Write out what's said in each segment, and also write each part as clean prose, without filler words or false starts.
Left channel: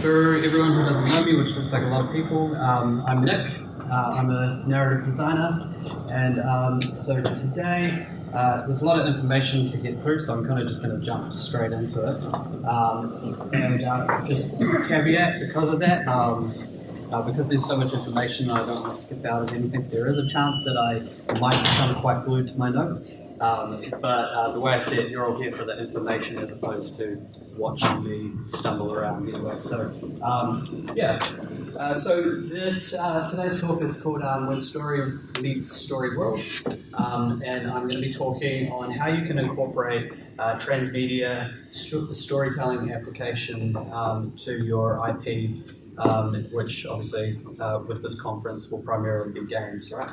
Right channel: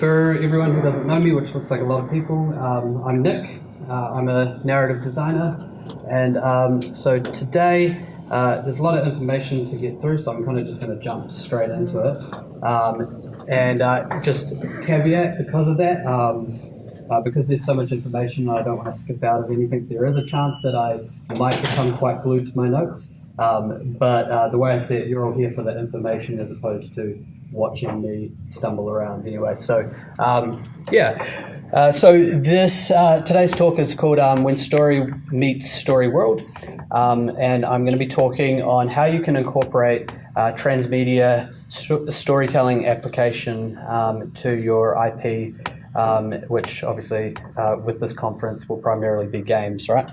For everyone who doesn't know me, which looks like a lot of people, I'm Nick. I'm a narrative designer, and so today there's a lot of information to get through, so I'm kind of just going to jump straight into it. Just caveat because of that, because there's so much information, I don't want to skip out of anything. There is a chance that I might become quite glued to my notes, but the way I see it, you're all here for the information as opposed to watching me stumble around anyway. So, so this today's talk is called When Story Meets Story World, and I'm going to be talking on how you can incorporate transmedia storytelling application to your IP, which obviously with this conference will primarily be games, right?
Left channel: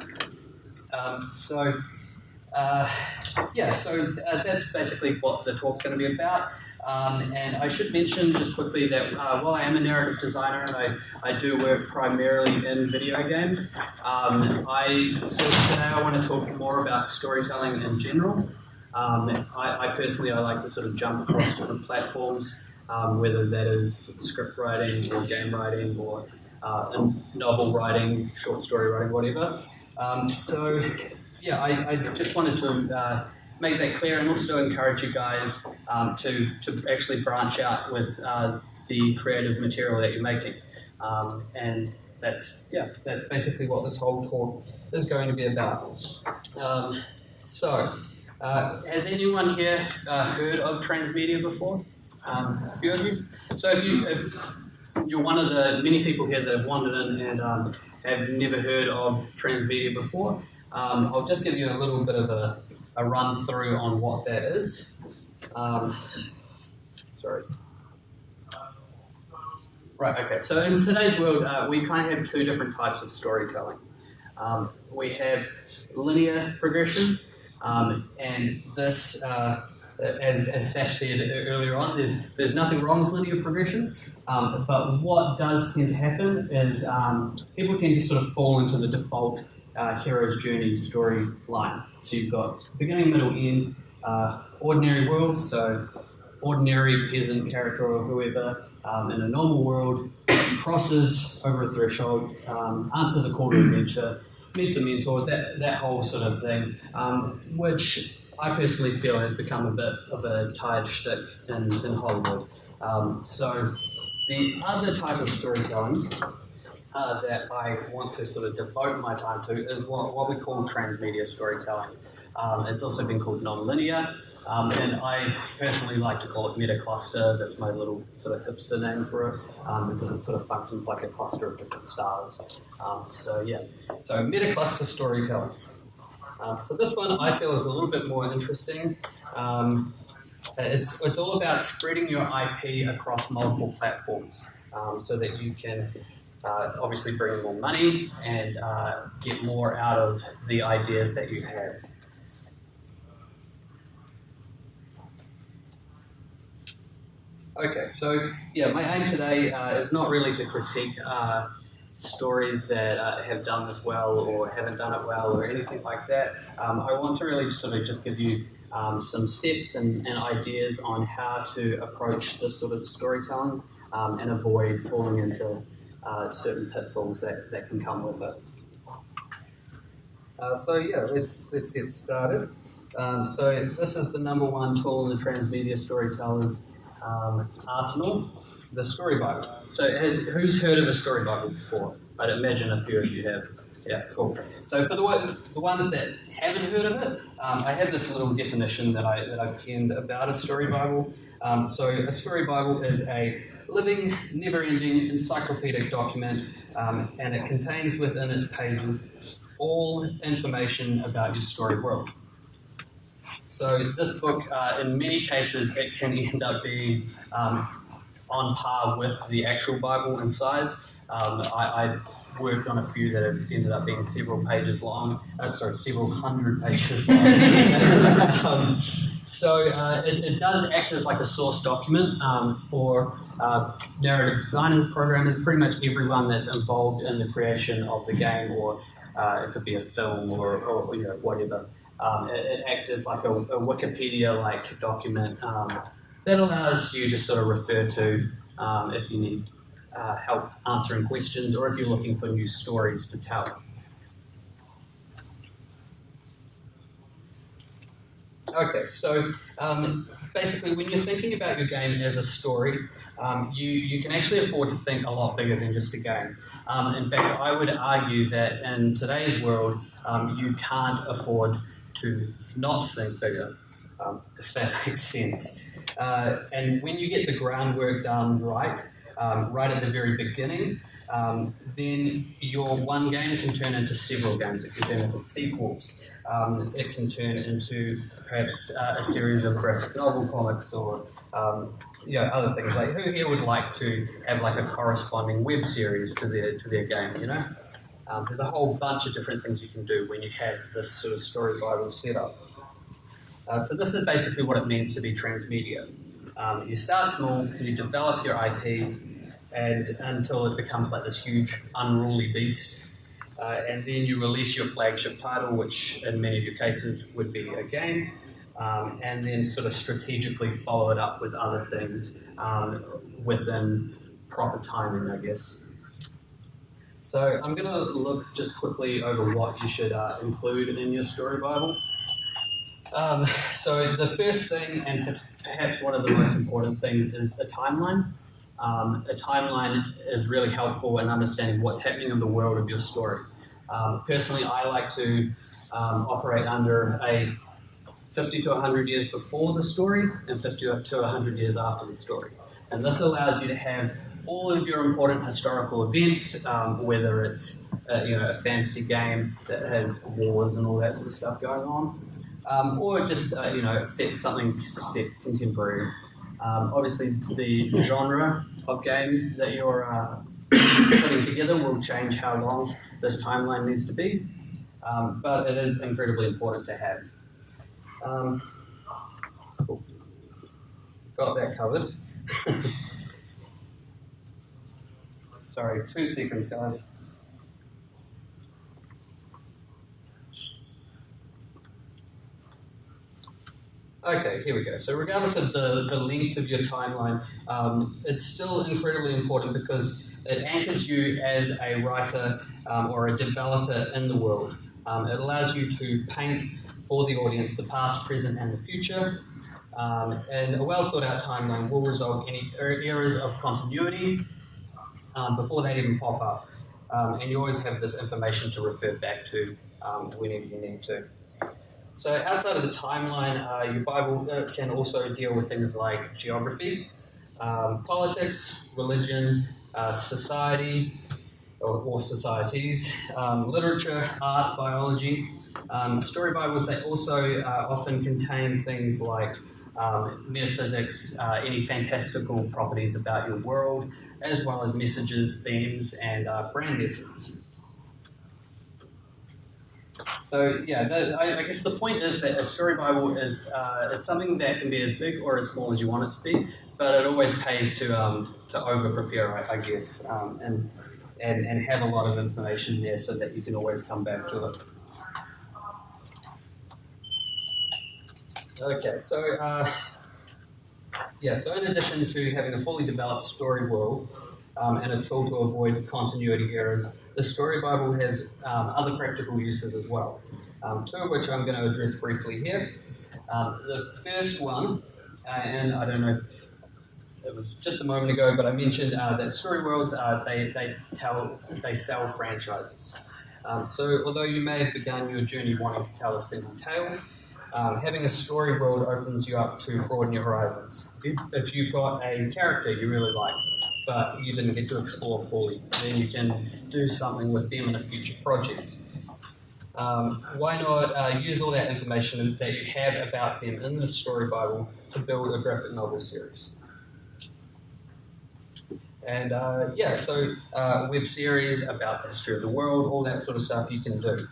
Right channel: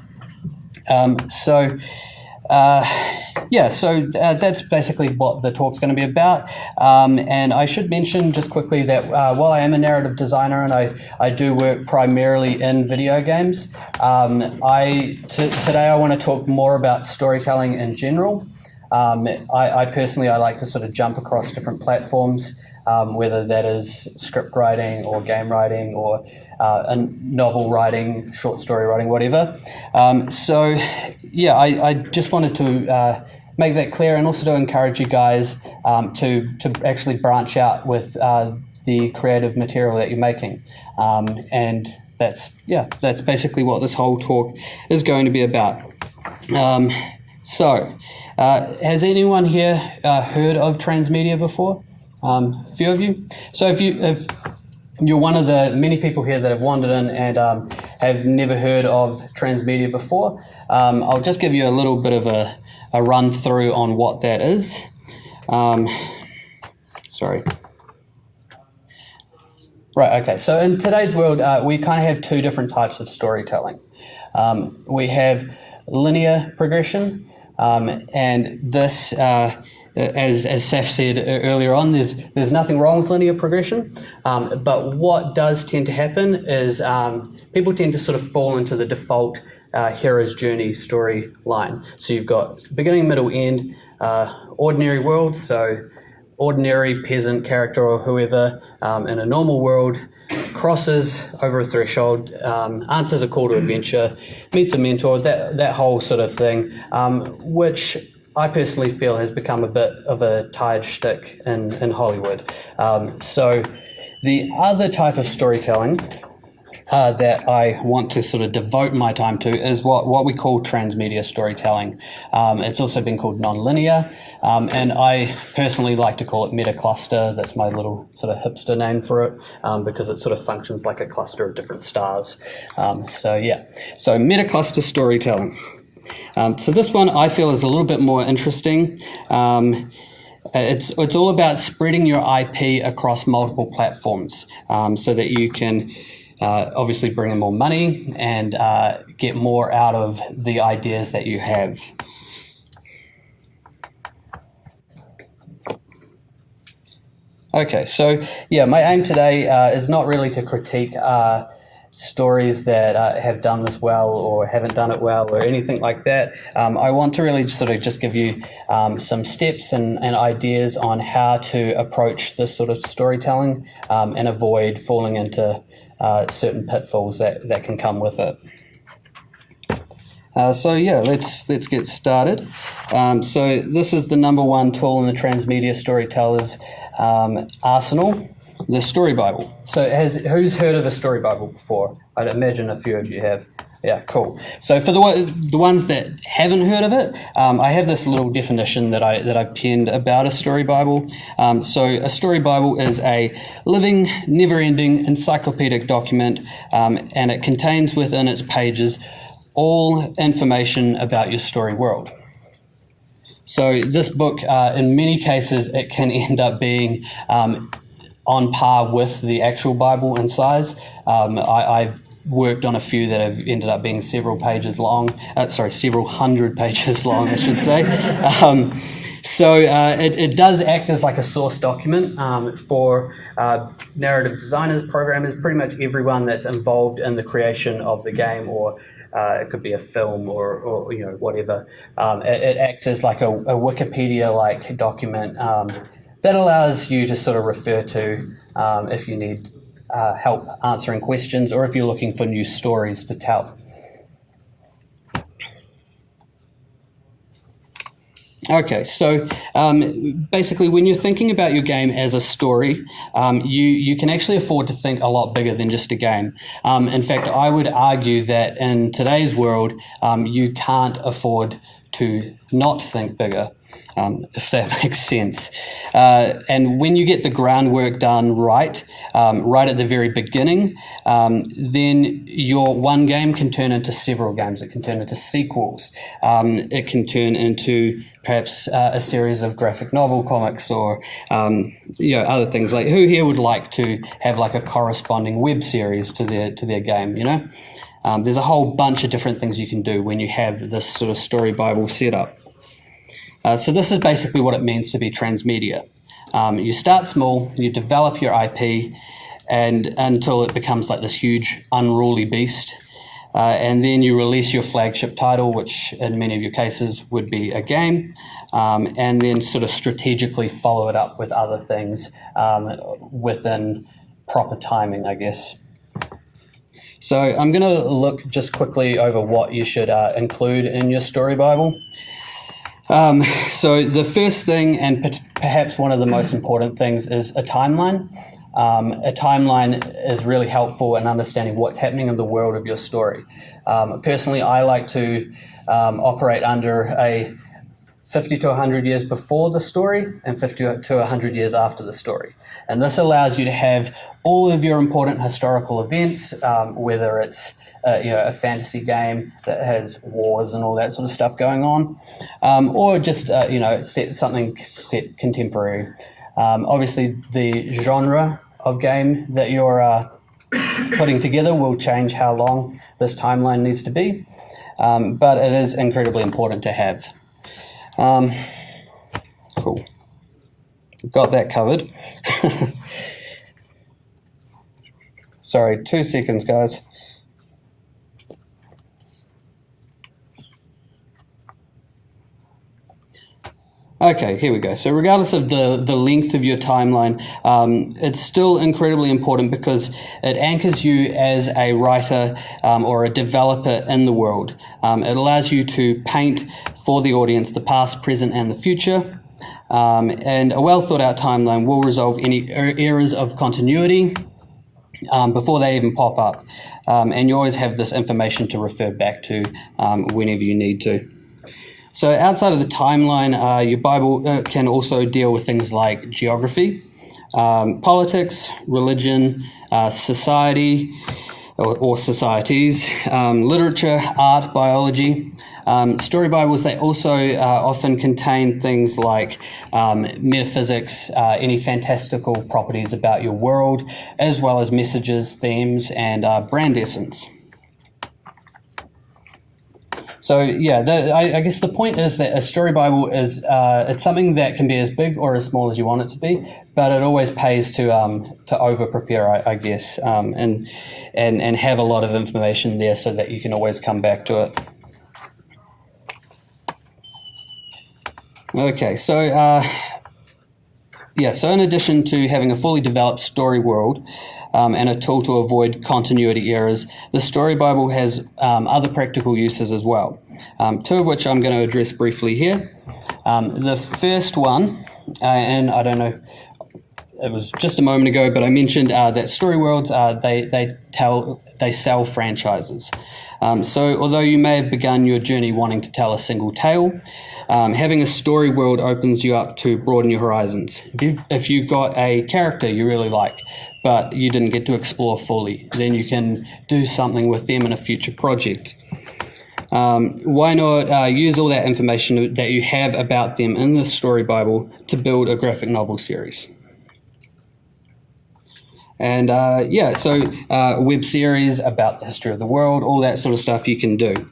That's basically what the talk's going to be about. And I should mention just quickly that while I am a narrative designer and I do work primarily in video games, today I want to talk more about storytelling in general. I personally like to sort of jump across different platforms, whether that is script writing or game writing or novel writing, short story writing, whatever. I just wanted to make that clear and also to encourage you guys to actually branch out with the creative material that you're making. And that's basically what this whole talk is going to be about. Has anyone here heard of Transmedia before? A few of you? So if you're one of the many people here that have wandered in and have never heard of Transmedia before, I'll just give you a little bit of a run through on what that is. Right, okay, so in today's world, we kind of have two different types of storytelling. We have linear progression, and this, as Saf said earlier on, there's nothing wrong with linear progression, but what does tend to happen is people tend to sort of fall into the default hero's journey storyline. So you've got beginning, middle, end, ordinary world, so ordinary peasant character or whoever in a normal world crosses over a threshold, answers a call to adventure, meets a mentor, that whole sort of thing, which I personally feel has become a bit of a tired shtick in Hollywood. So the other type of storytelling that I want to sort of devote my time to is what we call transmedia storytelling. It's also been called non-linear, and I personally like to call it meta-cluster. That's my little sort of hipster name for it, because it sort of functions like a cluster of different stars. So meta-cluster storytelling. So this one I feel is a little bit more interesting. It's all about spreading your IP across multiple platforms, so that you can obviously bring in more money and get more out of the ideas that you have. Okay, so my aim today is not really to critique stories that have done this well or haven't done it well or anything like that. I want to really sort of just give you some steps and ideas on how to approach this sort of storytelling and avoid falling into certain pitfalls that can come with it. Let's get started. So this is the number one tool in the Transmedia Storytellers arsenal, the Story Bible. So who's heard of a Story Bible before? I'd imagine a few of you have. Yeah, cool. So for the ones that haven't heard of it, I have this little definition that I penned about a Story Bible. So a Story Bible is a living, never-ending encyclopedic document, and it contains within its pages all information about your story world. So this book, in many cases, it can end up being on par with the actual Bible in size. I've worked on a few that have ended up being several hundred pages long, I should say. It does act as like a source document for narrative designers, programmers, pretty much everyone that's involved in the creation of the game, or it could be a film or whatever. It acts as like a Wikipedia-like document that allows you to sort of refer to if you need help answering questions, or if you're looking for new stories to tell. Okay, so basically when you're thinking about your game as a story, you can actually afford to think a lot bigger than just a game. In fact, I would argue that in today's world, you can't afford to not think bigger, if that makes sense. And when you get the groundwork done right at the very beginning, then your one game can turn into several games. It can turn into sequels. It can turn into perhaps a series of graphic novel comics, or other things. Like, who here would like to have like a corresponding web series to their game? There's a whole bunch of different things you can do when you have this sort of story Bible set up. So this is basically what it means to be transmedia. You start small, you develop your IP, and until it becomes like this huge unruly beast. And then you release your flagship title, which in many of your cases would be a game, and then sort of strategically follow it up with other things within proper timing, I guess. So I'm going to look just quickly over what you should include in your story Bible. So the first thing, and perhaps one of the most important things, is a timeline. A timeline is really helpful in understanding what's happening in the world of your story. Personally, I like to operate under a 50 to 100 years before the story and 50 to 100 years after the story. And this allows you to have all of your important historical events, whether it's a fantasy game that has wars and all that sort of stuff going on, or just set contemporary. Obviously, the genre of game that you're putting together will change how long this timeline needs to be, but it is incredibly important to have. Cool. Got that covered. Sorry, 2 seconds, guys. Okay, here we go. So regardless of the length of your timeline, it's still incredibly important because it anchors you as a writer or a developer in the world. It allows you to paint for the audience the past, present, and the future. And a well thought out timeline will resolve any errors of continuity before they even pop up. And you always have this information to refer back to whenever you need to. So outside of the timeline, your Bible can also deal with things like geography, politics, religion, society or societies, literature, art, biology. Story Bibles, they also often contain things like metaphysics, any fantastical properties about your world, as well as messages, themes, and brand essence. So yeah, I guess the point is that a story Bible is it's something that can be as big or as small as you want it to be, but it always pays to over prepare, I guess, and have a lot of information there so that you can always come back to it. Okay, so so in addition to having a fully developed story world, and a tool to avoid continuity errors, the Story Bible has other practical uses as well, 2 of which I'm going to address briefly here. The first one, and I don't know, it was just a moment ago, but I mentioned that story worlds, they sell franchises. So although you may have begun your journey wanting to tell a single tale, having a story world opens you up to broaden your horizons. If you've got a character you really like, but you didn't get to explore fully, then you can do something with them in a future project. Why not use all that information that you have about them in the Story Bible to build a graphic novel series? And web series about the history of the world, all that sort of stuff you can do.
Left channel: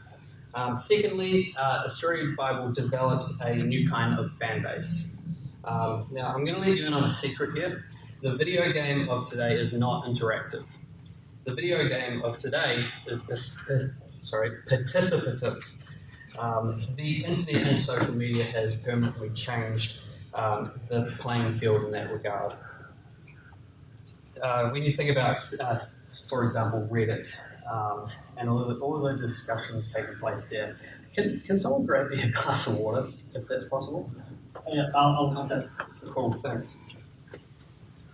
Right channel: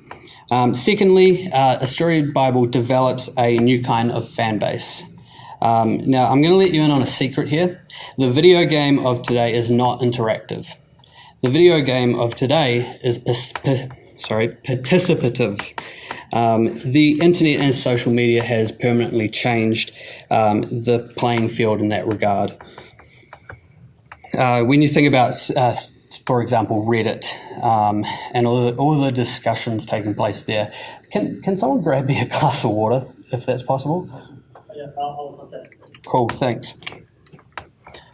Secondly, a Story Bible develops a new kind of fan base. Now, I'm going to let you in on a secret here. The video game of today is not interactive. The video game of today is participative. The internet and social media has permanently changed the playing field in that regard. when you think about, for example, Reddit and all the discussions taking place there, can someone grab me a glass of water if that's possible? Yeah, I'll contact. Cool, thanks.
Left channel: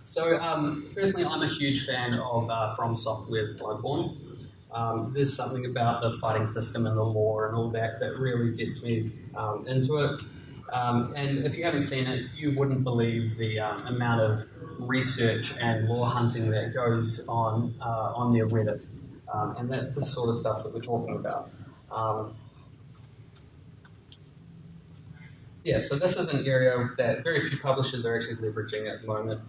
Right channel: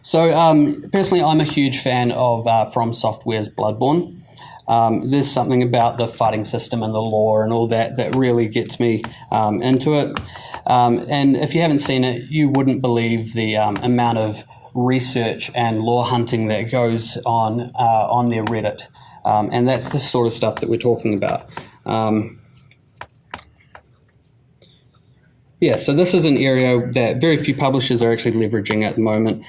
So personally, I'm a huge fan of From Software's Bloodborne. There's something about the fighting system and the lore and all that really gets me into it. And if you haven't seen it, you wouldn't believe the amount of research and lore hunting that goes on their Reddit. And that's the sort of stuff that we're talking about. Yeah, so this is an area that very few publishers are actually leveraging at the moment.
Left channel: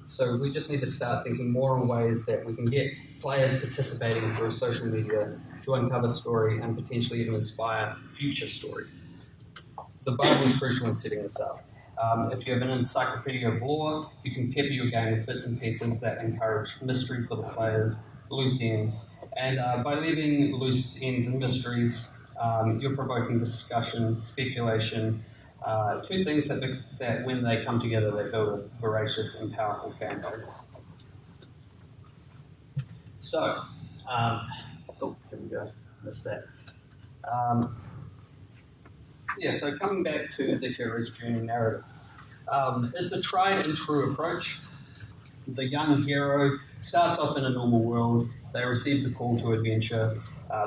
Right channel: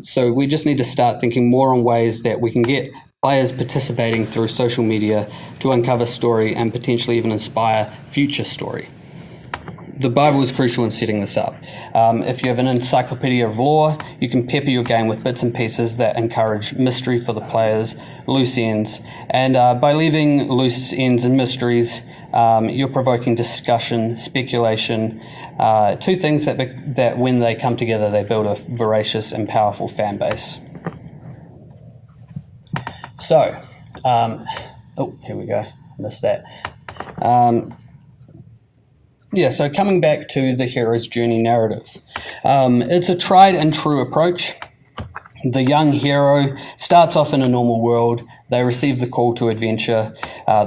So we just need to start thinking more on ways that we can get players participating through social media to uncover story and potentially even inspire future story. The Bible is crucial in setting this up. If you have an encyclopedia of lore, you can pepper your game with bits and pieces that encourage mystery for the players, loose ends, and by leaving loose ends and mysteries, you're provoking discussion, speculation, two things that when they come together, they build a voracious and powerful fan base. So, here we go, missed that. So coming back to the hero's journey narrative. It's a tried and true approach. The young hero starts off in a normal world. They receive the call to adventure.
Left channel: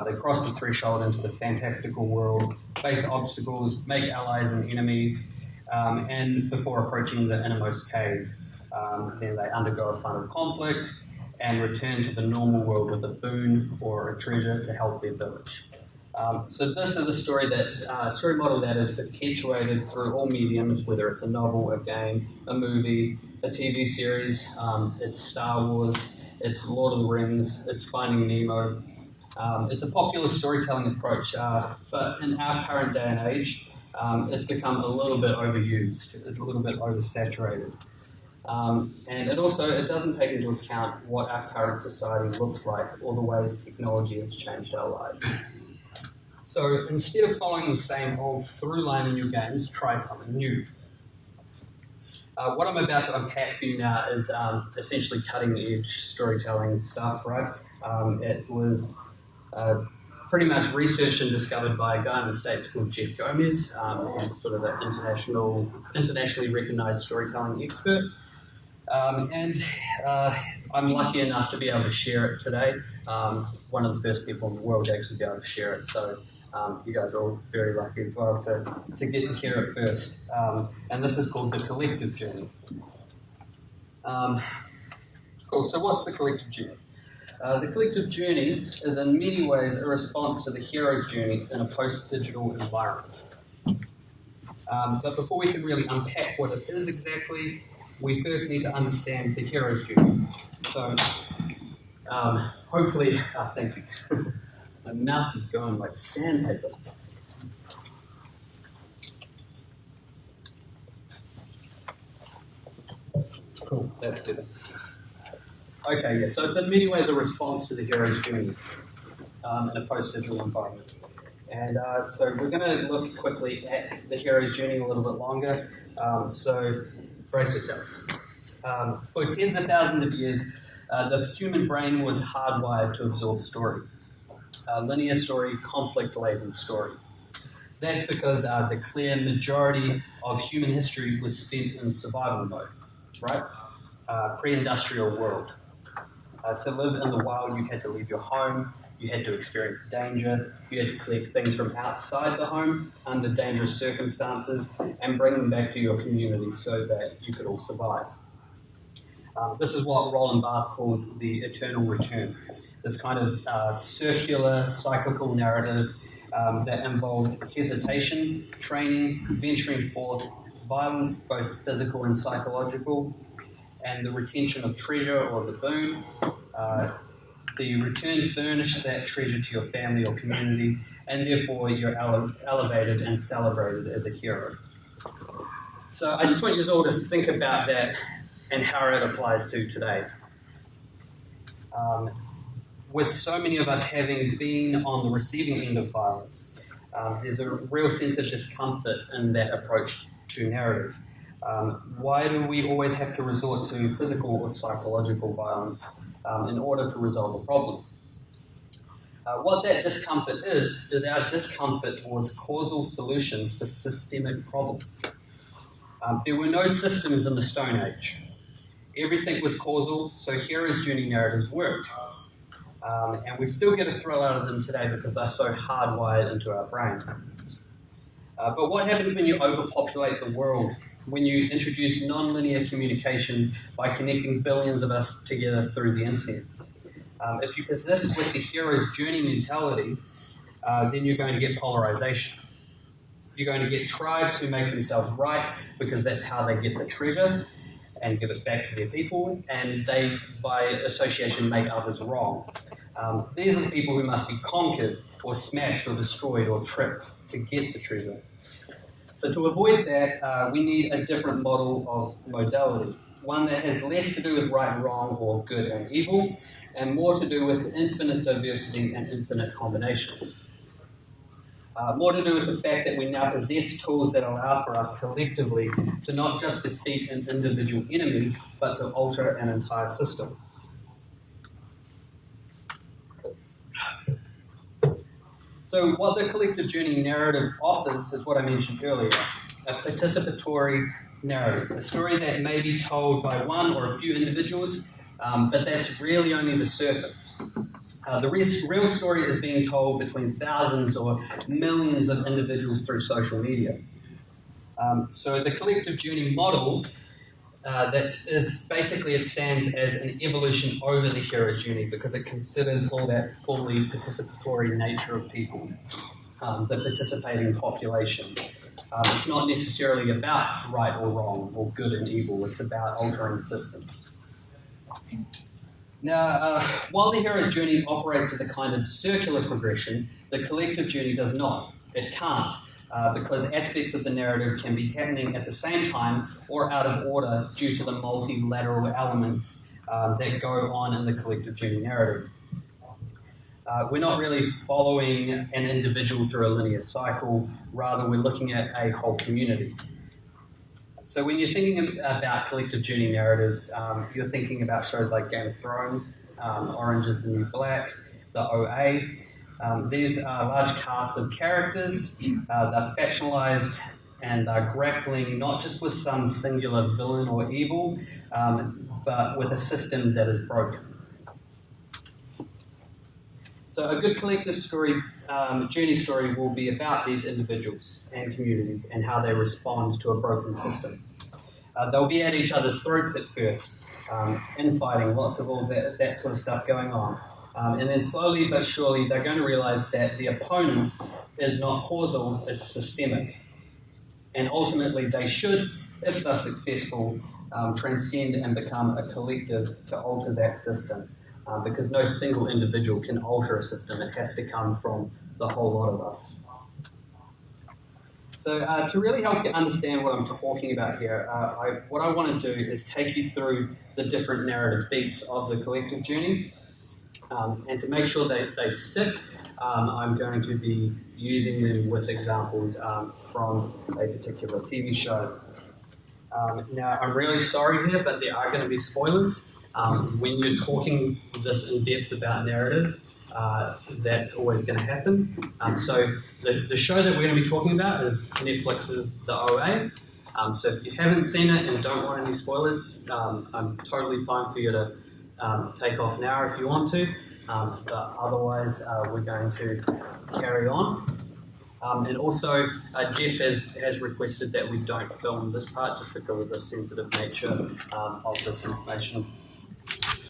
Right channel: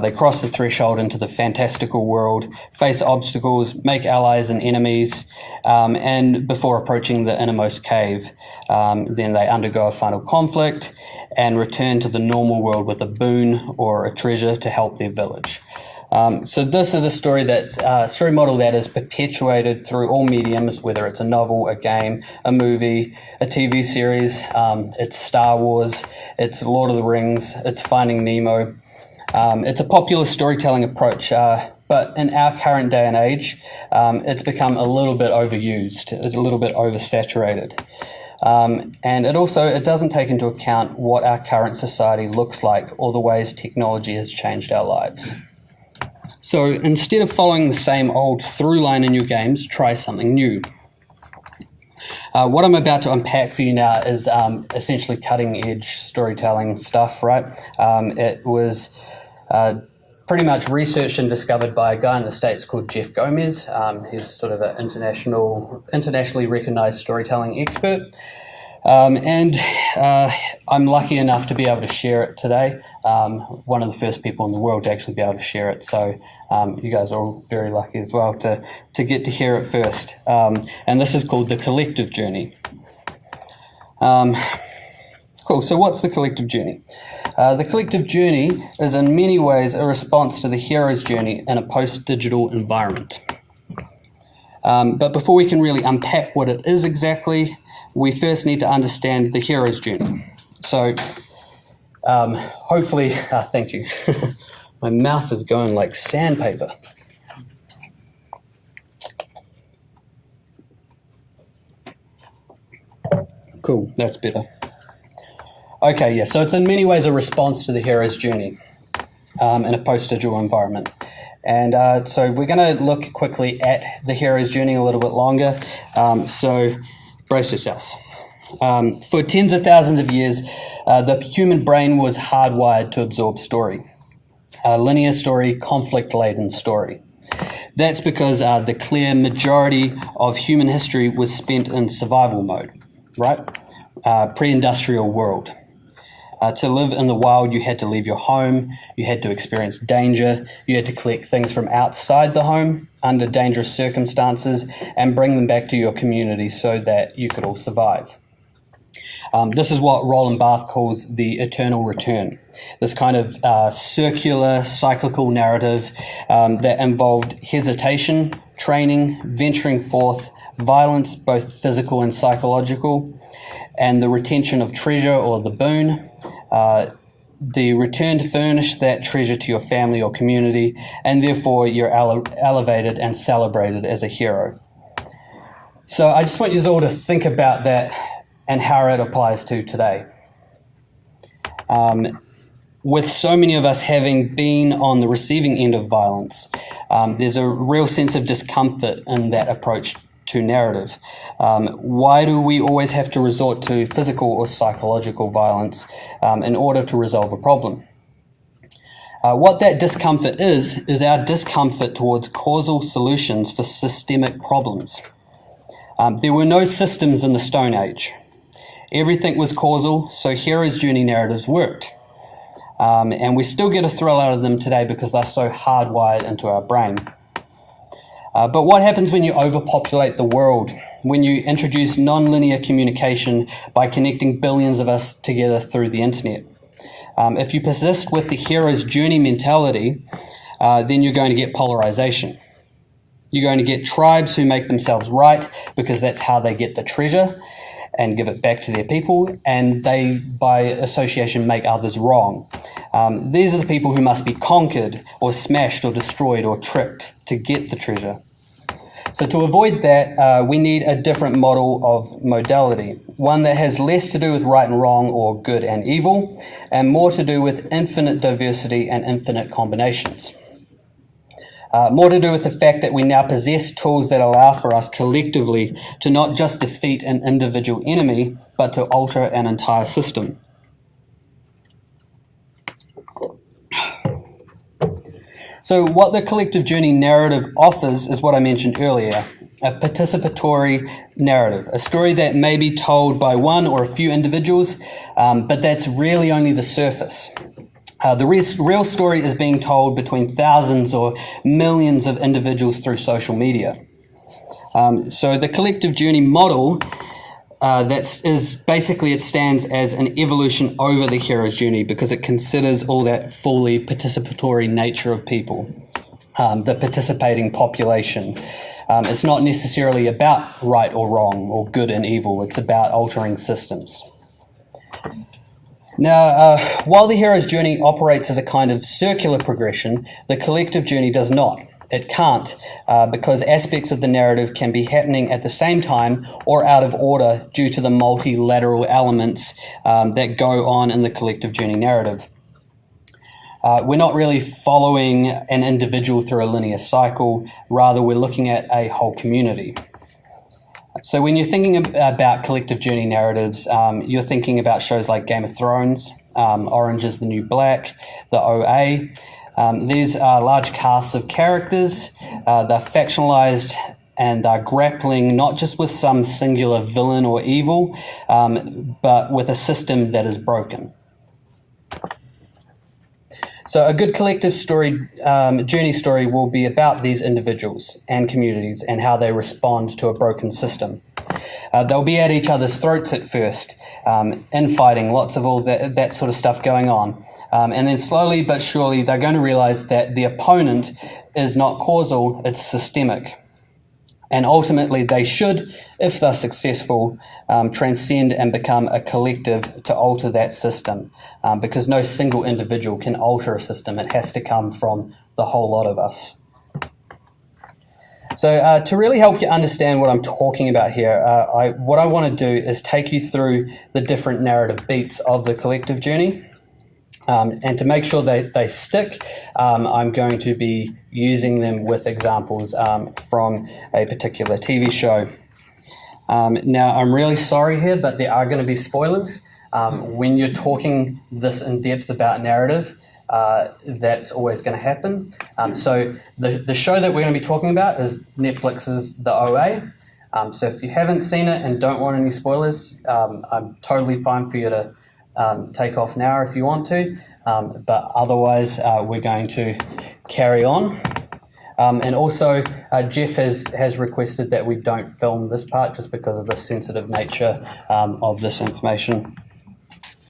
They cross the threshold into the fantastical world, face obstacles, make allies and enemies, and before approaching the innermost cave, then they undergo a final conflict and return to the normal world with a boon or a treasure to help their village. So this is a story story model that is perpetuated through all mediums, whether it's a novel, a game, a movie, a TV series, it's Star Wars, it's Lord of the Rings, it's Finding Nemo. It's a popular storytelling approach, but in our current day and age, it's become a little bit overused, it's a little bit oversaturated. And it doesn't take into account what our current society looks like or the ways technology has changed our lives. So instead of following the same old through line in your games, try something new. What I'm about to unpack for you now is essentially cutting edge storytelling stuff, right? It was pretty much researched and discovered by a guy in the States called Jeff Gomez. He's sort of an internationally recognized storytelling expert. And I'm lucky enough to be able to share it today. One of the first people in the world to actually be able to share it. So you guys are all very lucky as well to get to hear it first. And this is called The Collective Journey. Cool, so what's the collective journey? The collective journey is in many ways a response to the hero's journey in a post-digital environment. But before we can really unpack what it is exactly, we first need to understand the hero's journey. So, hopefully, thank you. My mouth is going like sandpaper. Cool, that's better. Okay, yeah, so it's in many ways a response to the hero's journey in a post-digital environment. And so we're going to look quickly at the hero's journey a little bit longer. So brace yourself. For tens of thousands of years, the human brain was hardwired to absorb story. Linear story, conflict-laden story. That's because the clear majority of human history was spent in survival mode, right? Pre-industrial world. To live in the wild, you had to leave your home, you had to experience danger, you had to collect things from outside the home under dangerous circumstances and bring them back to your community so that you could all survive. This is what Roland Barthes calls the eternal return, this kind of circular, cyclical narrative that involved hesitation, training, venturing forth, violence, both physical and psychological, and the retention of treasure or the boon, the return to furnish that treasure to your family or community, and therefore you're elevated and celebrated as a hero. So I just want you all to think about that and how it applies to today. With so many of us having been on the receiving end of violence, there's a real sense of discomfort in that approach to narrative? Why do we always have to resort to physical or psychological violence in order to resolve a problem? What that discomfort is our discomfort towards causal solutions for systemic problems. There were no systems in the Stone Age. Everything was causal, so hero's journey narratives worked. And we still get a thrill out of them today because they're so hardwired into our brain. But what happens when you overpopulate the world? When you introduce non-linear communication by connecting billions of us together through the internet? If you persist with the hero's journey mentality, then you're going to get polarization. You're going to get tribes who make themselves right because that's how they get the treasure and give it back to their people, and they, by association, make others wrong. These are the people who must be conquered or smashed or destroyed or tricked to get the treasure. So to avoid that, we need a different model of modality, one that has less to do with right and wrong or good and evil, and more to do with infinite diversity and infinite combinations. More to do with the fact that we now possess tools that allow for us collectively to not just defeat an individual enemy, but to alter an entire system. So what the collective journey narrative offers is what I mentioned earlier, a participatory narrative, a story that may be told by one or a few individuals, but that's really only the surface. The real story is being told between thousands or millions of individuals through social media. So the collective journey model it stands as an evolution over the hero's journey because it considers all that fully participatory nature of people, the participating population. It's not necessarily about right or wrong or good and evil. It's about altering systems. Now, while the hero's journey operates as a kind of circular progression, the collective journey does not. It can't, because aspects of the narrative can be happening at the same time or out of order due to the multilateral elements that go on in the collective journey narrative. We're not really following an individual through a linear cycle, rather we're looking at a whole community. So when you're thinking about collective journey narratives, you're thinking about shows like Game of Thrones, Orange is the New Black, the OA. These are large casts of characters. They're factionalized and they're grappling not just with some singular villain or evil, but with a system that is broken. So a good collective story, journey story will be about these individuals and communities and how they respond to a broken system. They'll be at each other's throats at first, infighting, lots of all that sort of stuff going on. And then slowly but surely they're going to realize that the opponent is not causal, it's systemic. And ultimately they should, if they're successful, transcend and become a collective to alter that system. Because no single individual can alter a system. It has to come from the whole lot of us. So to really help you understand what I'm talking about here, what I want to do is take you through the different narrative beats of the collective journey. And to make sure they stick, I'm going to be using them with examples from a particular TV show. Now, I'm really sorry here, but there are going to be spoilers. When you're talking this in depth about narrative, that's always going to happen. So the show that we're going to be talking about is Netflix's The OA. So if you haven't seen it and don't want any spoilers, I'm totally fine for you to take off now if you want to, but otherwise we're going to carry on. And also Jeff has requested that we don't film this part just because of the sensitive nature of this information.